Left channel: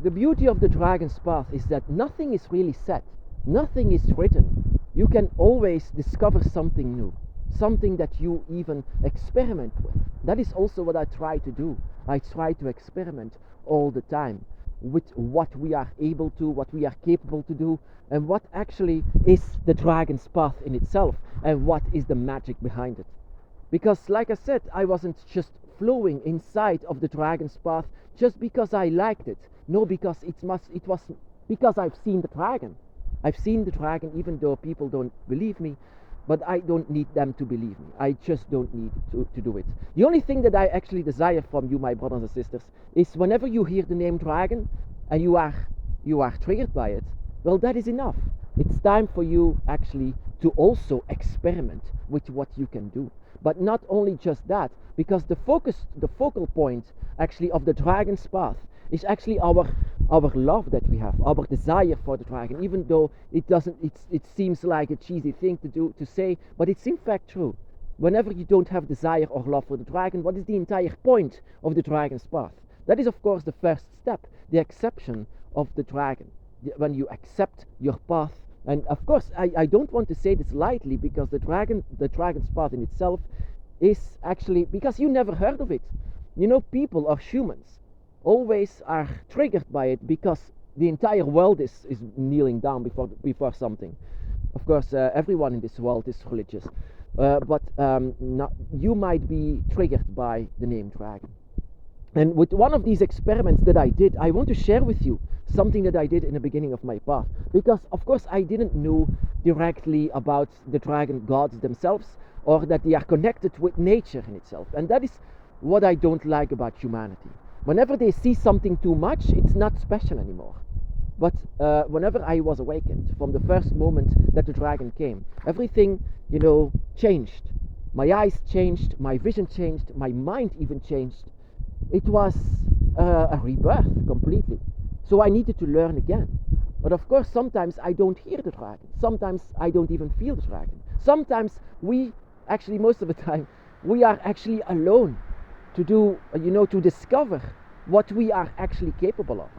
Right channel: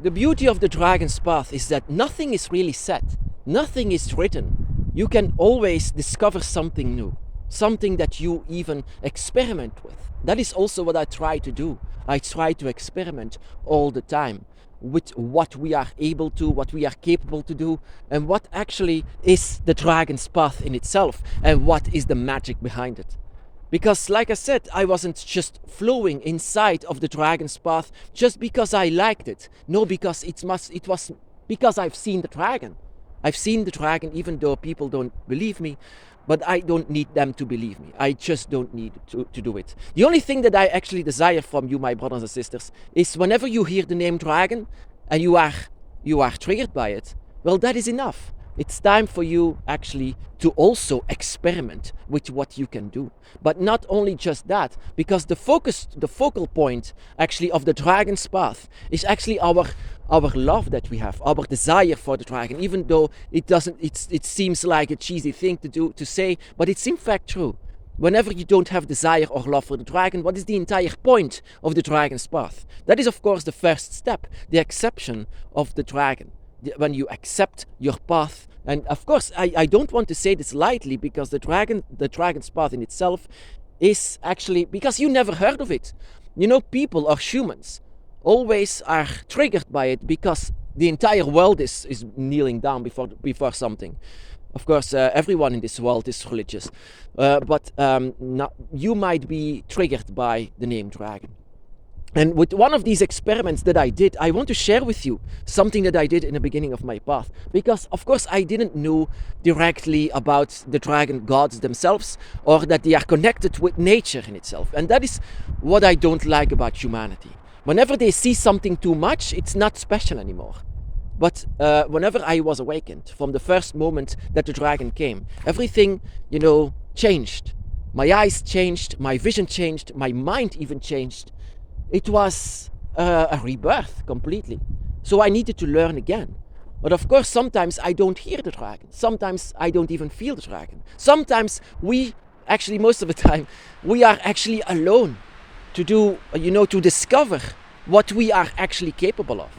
The beauty of the dragon's path is that nothing is really set, nothing is written. You can always discover something new, something that you even experiment with. That is also what I try to do. I try to experiment all the time with what we are able to, what we are capable to do, and what actually is the dragon's path in itself, and what is the magic behind it. Because, like I said, I wasn't just flowing inside of the dragon's path just because I liked it. No, because it was because I've seen the dragon. I've seen the dragon, even though people don't believe me, but I don't need them to believe me. I just don't need to do it. The only thing that I actually desire from you, my brothers and sisters, is whenever you hear the name dragon and you are triggered by it, well, that is enough. It's time for you actually to also experiment with what you can do. But not only just that, because the focal point actually of the dragon's path is actually our love that we have, our desire for the dragon, even though it seems like a cheesy thing to say, but it's in fact true. Whenever you don't have desire or love for the dragon, what is the entire point of the dragon's path? That is, of course, the first step, the acceptance of the dragon. When you accept your path. And of course, I don't want to say this lightly, because the dragon's path in itself is actually, because you never heard of it. You know, people or humans always are triggered by it because the entire world is kneeling down before something. Of course, everyone in this world is religious, but you might be triggered by the name dragon. And with one of these experiments that I did, I want to share with you something that I did in the beginning of my path. Because, of course, I didn't know directly about the dragon gods themselves, or that they are connected with nature in itself. And that is what I don't like about humanity. Whenever they see something too much, it's not special anymore. But whenever I was awakened, from the first moment that the dragon came, everything, changed. My eyes changed, my vision changed, my mind even changed. It was a rebirth completely. So I needed to learn again. But of course, sometimes I don't hear the dragon. Sometimes I don't even feel the dragon. Sometimes most of the time, we are actually alone to do, to discover what we are actually capable of.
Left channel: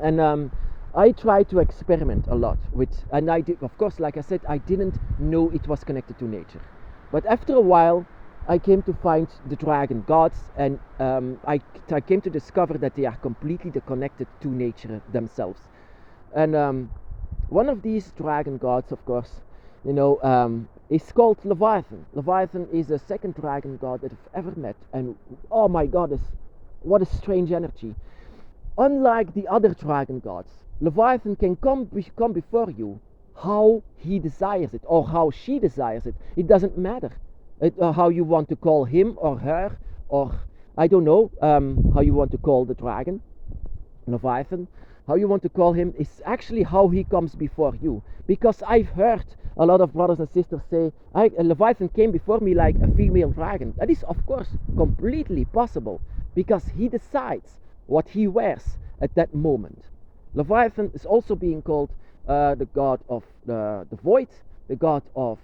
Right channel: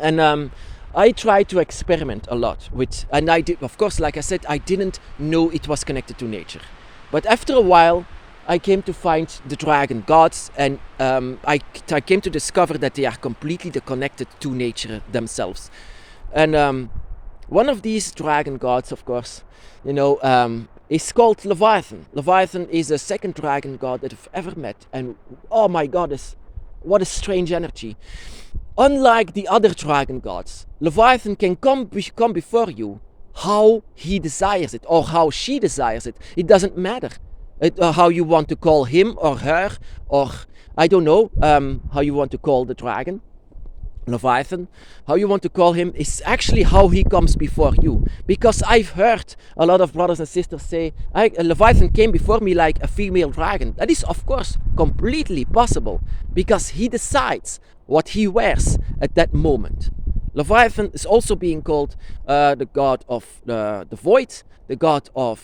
And I try to experiment a lot with, and I did, of course, like I said, I didn't know it was connected to nature. But after a while, I came to find the dragon gods, and I came to discover that they are completely connected to nature themselves. And one of these dragon gods, of course, is called Leviathan. Leviathan is the second dragon god that I've ever met, and oh my God, what a strange energy. Unlike the other dragon gods, Leviathan can come before you how he desires it, or how she desires it. It doesn't matter. How you want to call him or her, or I don't know how you want to call the dragon, Leviathan. How you want to call him is actually how he comes before you. Because I've heard a lot of brothers and sisters say, Leviathan came before me like a female dragon. That is, of course, completely possible, because he decides what he wears at that moment. Leviathan is also being called the god of the void, the god of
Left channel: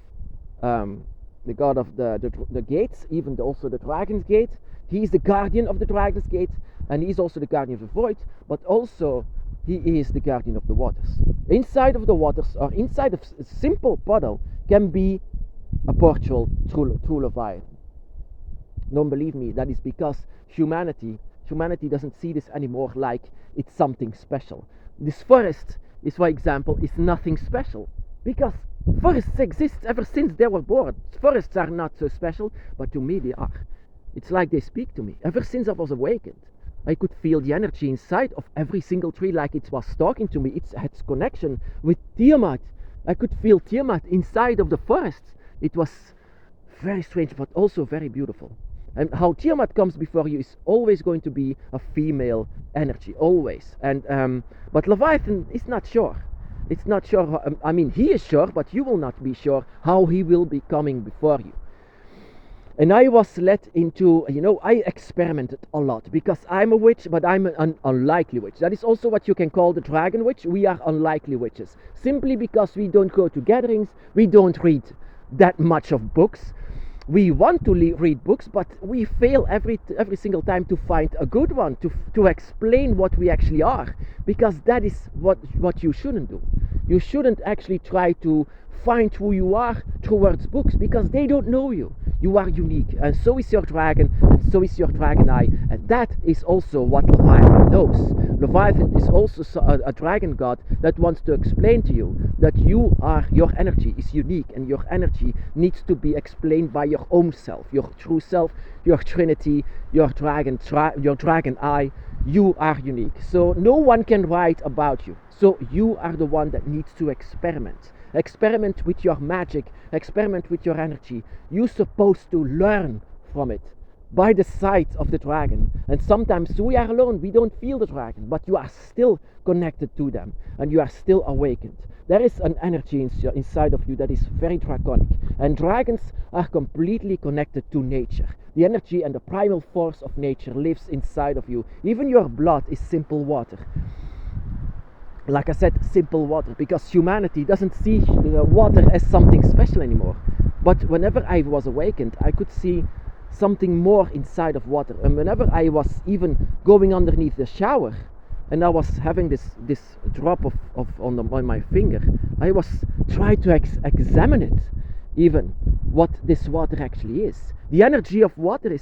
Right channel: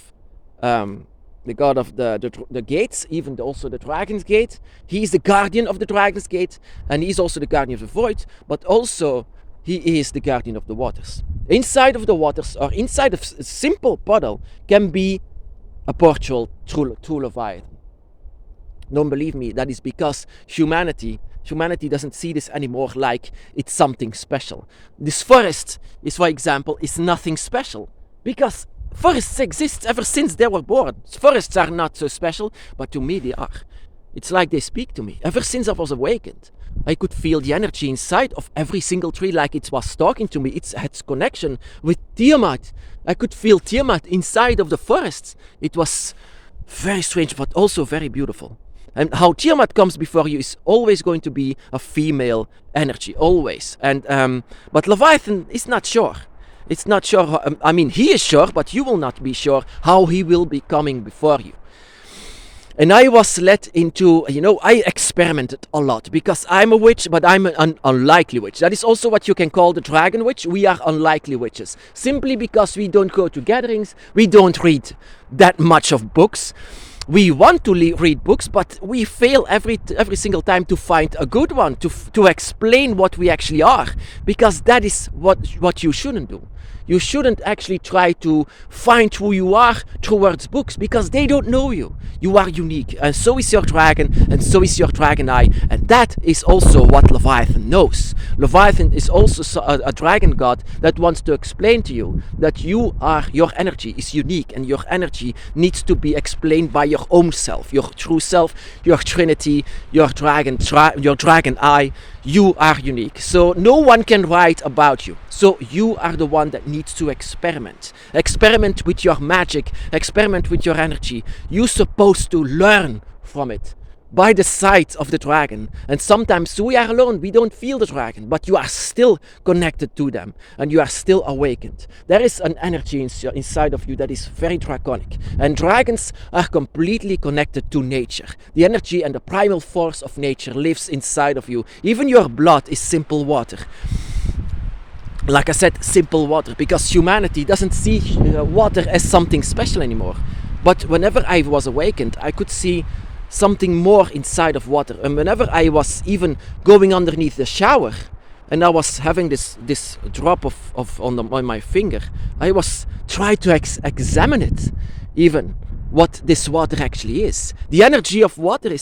the gates, even also the dragon's gate. He is the guardian of the dragon's gate, and he's also the guardian of the void, but also he is the guardian of the waters. Inside of the waters, or inside of a simple puddle, can be a portal to Leviathan. Don't believe me, that is because humanity doesn't see this anymore like it's something special. This forest is, for example, is nothing special. Because forests exist ever since they were born. Forests are not so special, but to me they are. It's like they speak to me. Ever since I was awakened, I could feel the energy inside of every single tree, like it was talking to me. It had connection with Tiamat. I could feel Tiamat inside of the forests. It was very strange, but also very beautiful. And how Tiamat comes before you is always going to be a female energy, always. And but Leviathan is not sure. It's not sure, he is sure, but you will not be sure how he will be coming before you. And I was led into, I experimented a lot, because I'm a witch, but I'm an unlikely witch. That is also what you can call the dragon witch. We are unlikely witches, simply because we don't go to gatherings, we don't read that much of books. We want to read books, but we fail every single time to find a good one to explain what we actually are, because that is what you shouldn't do. You shouldn't actually try to find who you are towards books, because they don't know you. You are unique, and so is your dragon, and so is your dragon eye, and that is also what Leviathan knows. Leviathan is also a dragon god that wants to explain to you that your energy is unique, and your energy needs to be explained by your own self, your true self, your trinity, your dragon eye. You are unique, so no one can write about you. So you are the one that needs to experiment with your magic, experiment with your energy. You're supposed to learn from it by the sight of the dragon. And sometimes we are alone, we don't feel the dragon, but you are still connected to them, and you are still awakened. There is an energy inside of you that is very draconic, and dragons are completely connected to nature. The energy and the primal force of nature lives inside of you. Even your blood is simple water. Like I said, simple water, because humanity doesn't see water as something special anymore. But whenever I was awakened, I could see something more inside of water. And whenever I was even going underneath the shower and I was having this drop on my finger, I was trying to examine it, even what this water actually is. The energy of water I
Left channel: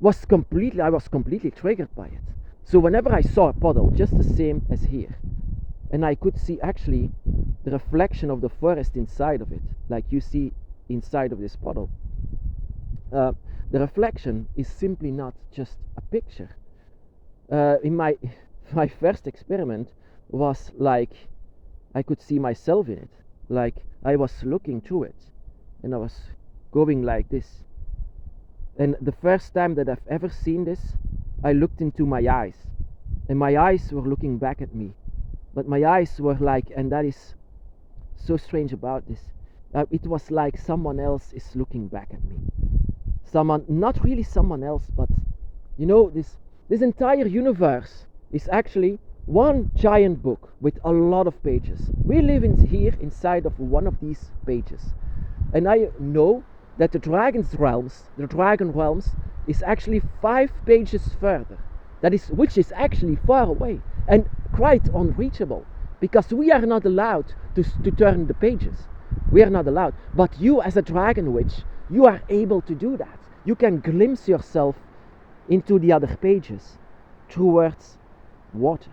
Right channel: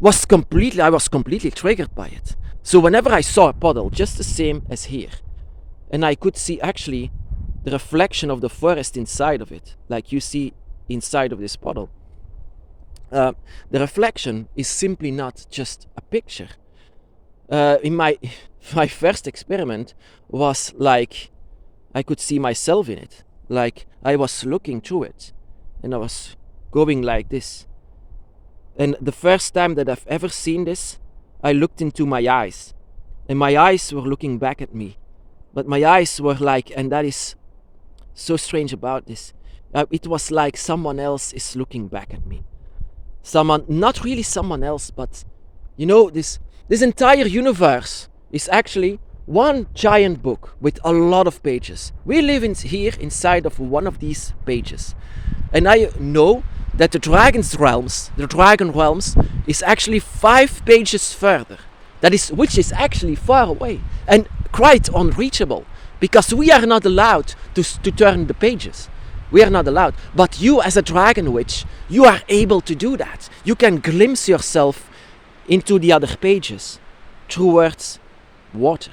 was completely triggered by it. So whenever I saw a puddle, just the same as here, and I could see actually the reflection of the forest inside of it, like you see inside of this puddle. The reflection is simply not just a picture. In my first experiment was like I could see myself in it, like I was looking through it, and I was going like this. And the first time that I've ever seen this, I looked into my eyes, and my eyes were looking back at me, but my eyes were like, and that is so strange about this, it was like someone else is looking back at me. Someone, not really someone else, but this entire universe is actually one giant book with a lot of pages. We live here inside of one of these pages, and I know that the dragon realms is actually 5 pages further. Which is actually far away and quite unreachable, because we are not allowed to turn the pages. We are not allowed. But you, as a dragon witch, you are able to do that. You can glimpse yourself into the other pages towards water.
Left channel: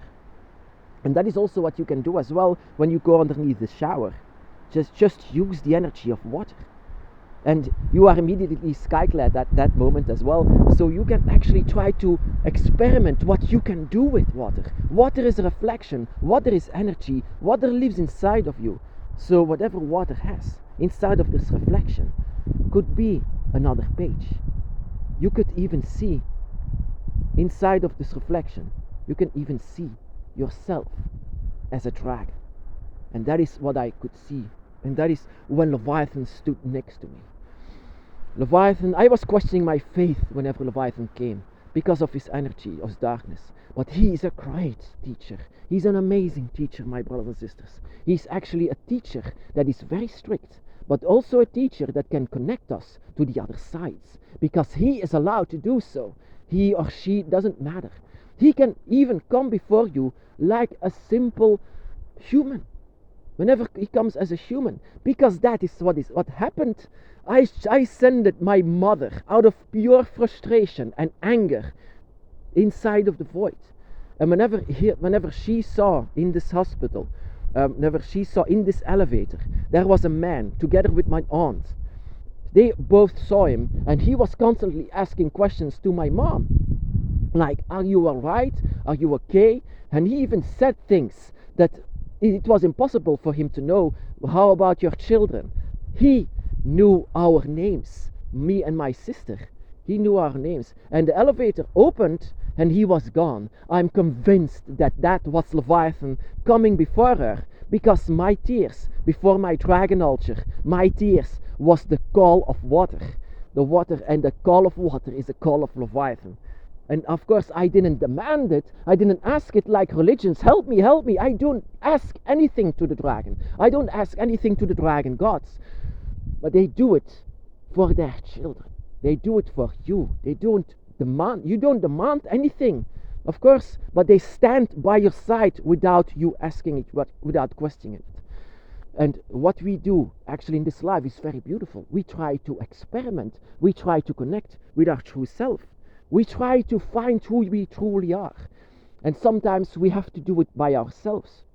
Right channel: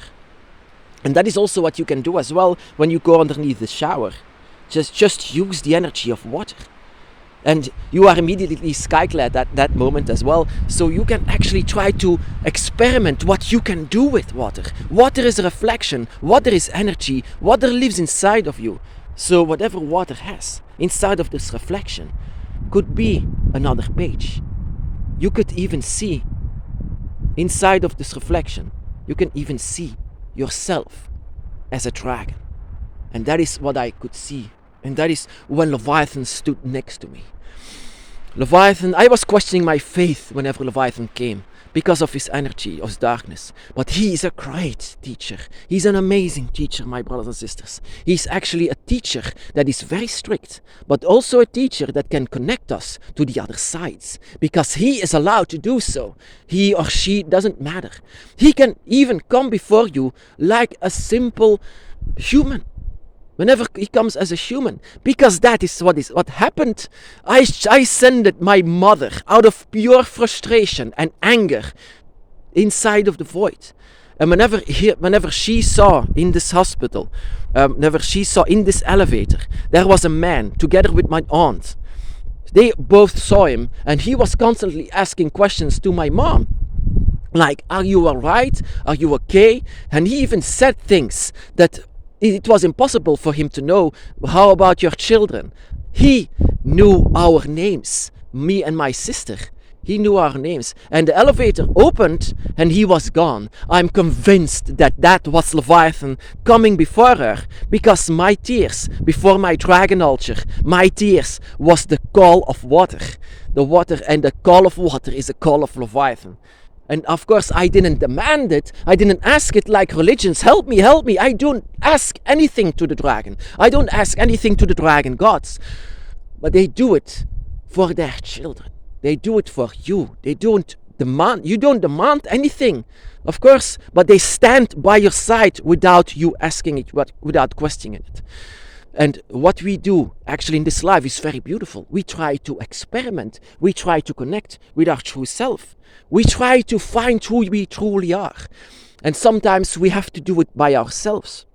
And that is also what you can do as well when you go underneath the shower. Just use the energy of water. And you are immediately sky-clad at that moment as well. So you can actually try to experiment what you can do with water. Water is a reflection. Water is energy. Water lives inside of you. So whatever water has inside of this reflection could be another page. You could even see inside of this reflection, you can even see yourself as a dragon. And that is what I could see. And that is when Leviathan stood next to me. Leviathan, I was questioning my faith whenever Leviathan came because of his energy, of his darkness. But he is a great teacher. He's an amazing teacher, my brothers and sisters. He's actually a teacher that is very strict, but also a teacher that can connect us to the other sides, because he is allowed to do so. He or she, doesn't matter. He can even come before you like a simple human. Whenever he comes as a human, because that is what happened. I sent my mother out of pure frustration and anger inside of the void. And whenever she saw in this hospital, whenever she saw in this elevator, there was a man together with my aunt. They both saw him, and he was constantly asking questions to my mom. Like, are you alright? Are you okay? And he even said things that it was impossible for him to know. How about your children? He knew our names, me and my sister. He knew our names. And the elevator opened and he was gone. I'm convinced that was Leviathan coming before her, because my tears before my dragon altar, my tears was the call of water. The water, and the call of water is a call of Leviathan. And of course, I didn't demand it. I didn't ask it like religions. Help me, help me. I don't ask anything to the dragon. I don't ask anything to the dragon gods. But they do it for their children. They do it for you. You don't demand anything, of course, but they stand by your side without you asking it, without questioning it. And what we do actually in this life is very beautiful. We try to experiment. We try to connect with our true self. We try to find who we truly are. And sometimes we have to do it by ourselves.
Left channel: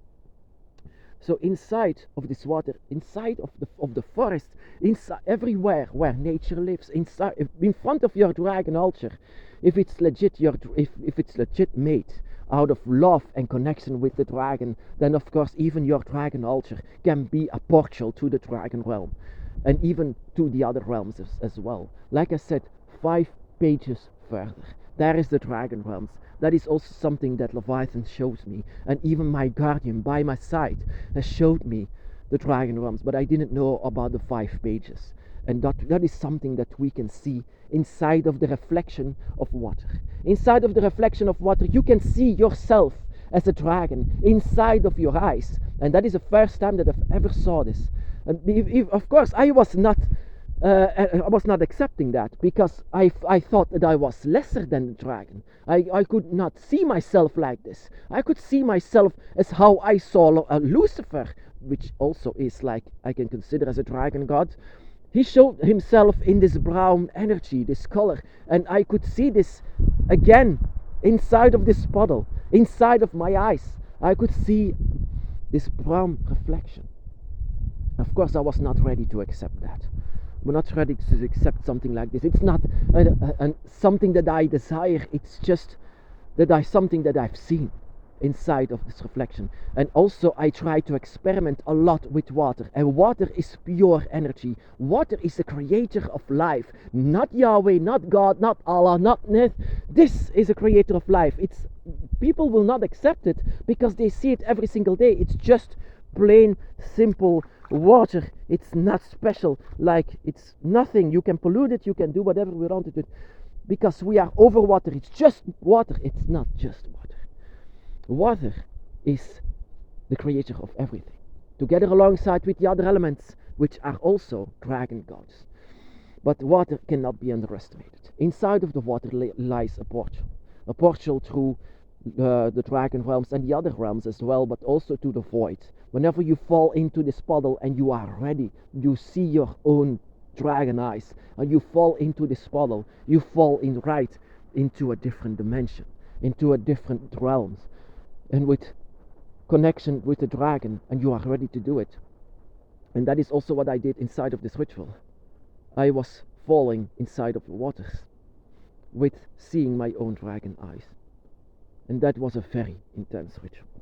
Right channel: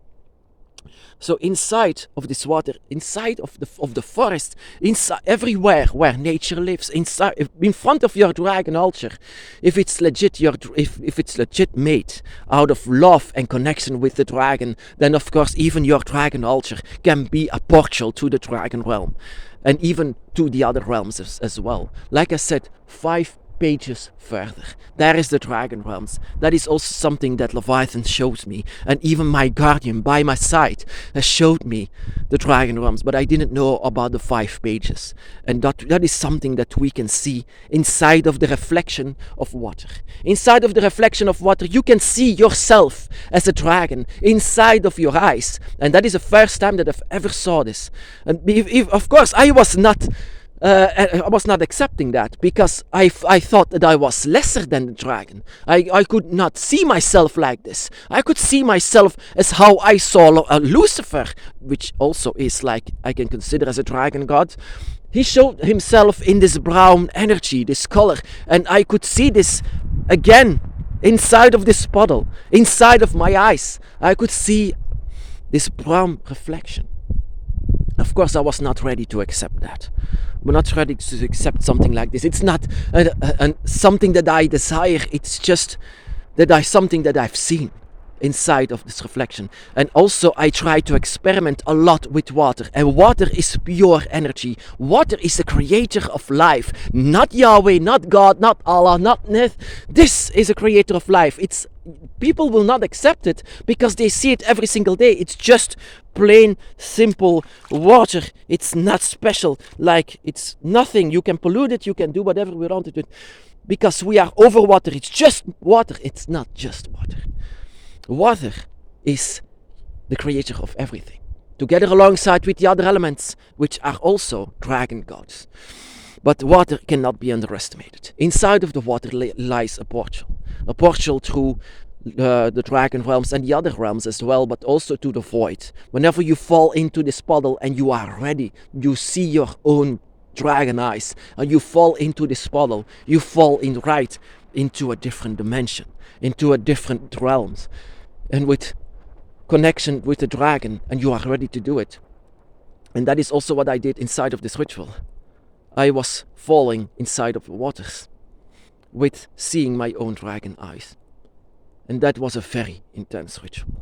So inside of this water, inside of the forest, inside everywhere where nature lives, inside in front of your dragon altar, if it's legit if it's legit made out of love and connection with the dragon, then of course even your dragon altar can be a portal to the dragon realm, and even to the other realms as well. Like I said, 5 pages further, there is the dragon realms. That is also something that Leviathan shows me, and even my guardian by my side has showed me the dragon realms, but I didn't know about the 5 pages. And that is something that we can see inside of the reflection of water. Inside of the reflection of water, you can see yourself as a dragon inside of your eyes, and that is the first time that I've ever saw this. And of course I was not accepting that, because I thought that I was lesser than the dragon. I could not see myself like this. I could see myself as how I saw Lucifer, which also is like I can consider as a dragon god. He showed himself in this brown energy, this color, and I could see this again inside of this puddle, inside of my eyes. I could see this brown reflection. Of course, I was not ready to accept that. We're not ready to accept something like this. It's not something that I desire. It's just something that I've seen inside of this reflection. And also I try to experiment a lot with water. And water is pure energy. Water is the creator of life. Not Yahweh, not God, not Allah, not Neth. This is a creator of life. People will not accept it because they see it every single day. It's just plain, simple water. It's not special. Like, it's nothing. You can pollute it. You can do whatever we want to do. Because we are over water. It's just water. It's not just water. Water is the creator of everything, together alongside with the other elements, which are also dragon gods. But water cannot be underestimated. Inside of the water lies a portal through the dragon realms and the other realms as well, but also to the void. Whenever you fall into this puddle and you are ready, you see your own dragon eyes, and you fall into this puddle, you fall into a different dimension, into a different realms, and with connection with the dragon, and you are ready to do it. And that is also what I did inside of this ritual. I was falling inside of the waters with seeing my own dragon eyes. And that was a very intense ritual.